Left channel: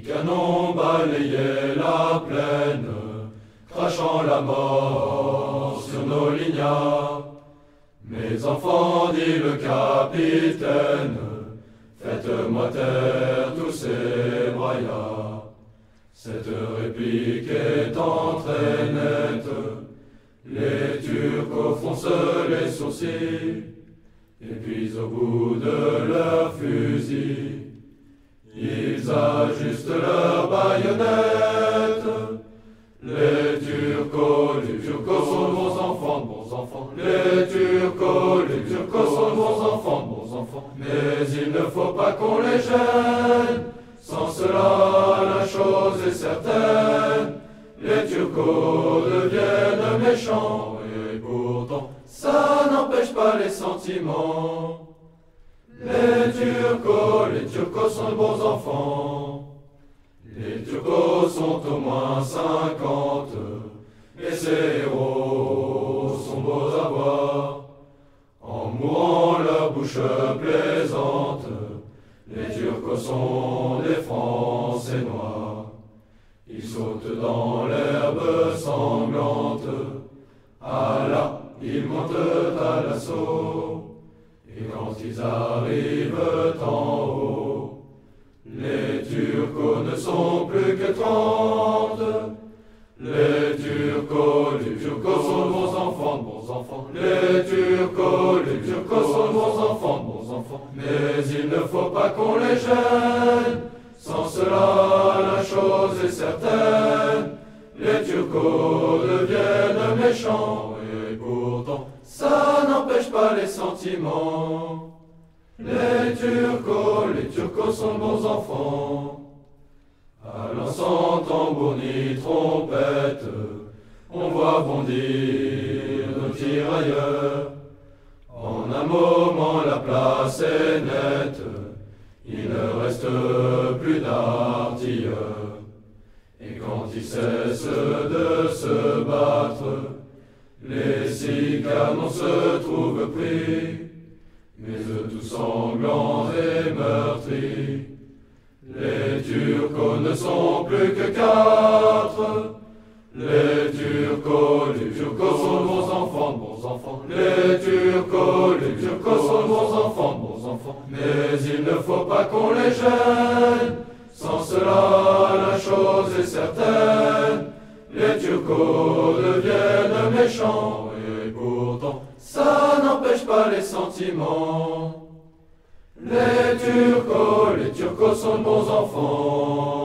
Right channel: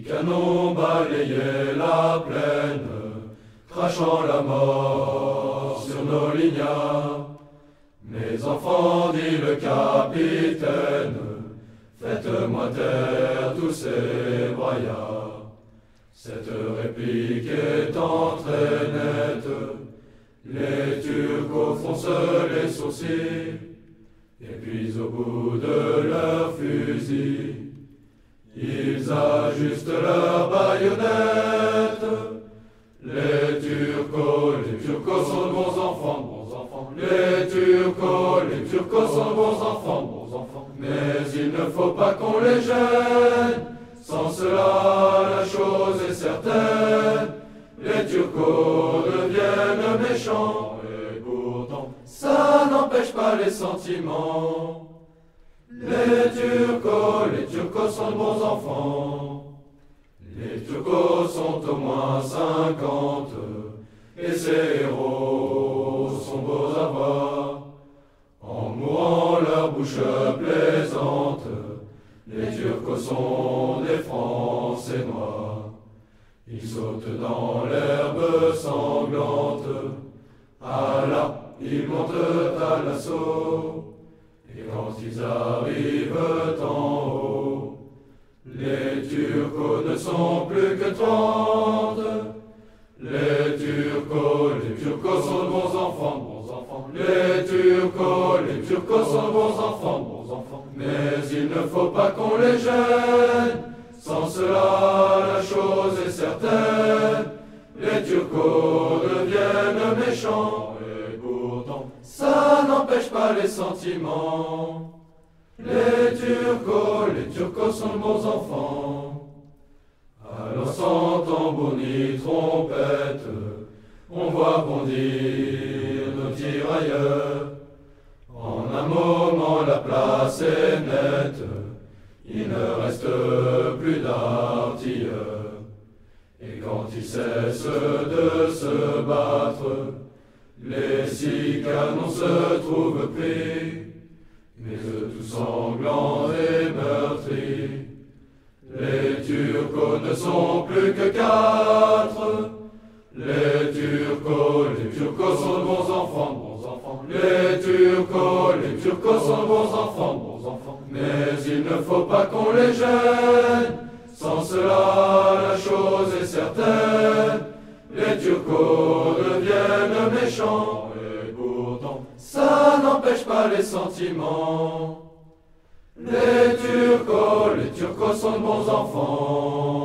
Les canons balayaient la plaine, crachant la mort sur nos lignards. Mes enfants, dit le capitaine, faites-moi taire tous ces braillards. Cette réplique étant très nette, les Turcos froncent les sourcils, et puis au bout de leur fusil, ils ajustent leurs baïonnettes. Les Turcos sont de bons enfants, de bons enfants. Les Turcos sont de bons enfants, de bons enfants. Mais il ne faut pas qu'on les gêne, sans cela la chose est certaine. Les Turcos deviennent méchants, et pourtant ça n'empêche pas les sentiments. Les Turcos sont de bons enfants. Les Turcos sont au moins 50, et ces héros sont beaux à voir. En mourant leur bouche plaisante, les Turcos sont des Français noirs. Ils sautent dans l'herbe sanglante, ah là, ils montent à l'assaut. Et quand ils arrivent en haut, les Turcos ne sont plus que 30. Les Turcos sont de bons enfants, de bons enfants. Les Turcos sont de bons enfants, de bons enfants. Mais il ne faut pas qu'on les gêne, sans cela la chose est certaine. Les Turcos deviennent méchants, et pourtant ça n'empêche pas les sentiments. Les Turcos sont de bons enfants. Alors sans tambour ni trompette, on voit bondir nos tirailleurs. En un moment la place est nette, il ne reste plus d'artilleurs. Et quand ils cessent de se battre, les 6 canons se trouvent pris, mais eux tous sanglants et meurtris. Les Turcos ne sont plus que 4. Les Turcos sont de bons enfants, de bons enfants. Les Turcos sont de bons enfants, de bons enfants. Mais il ne faut pas qu'on les gêne, sans cela la chose est certaine. Les Turcos deviennent méchants, et pourtant ça n'empêche pas les sentiments. Les Turcos sont de bons enfants.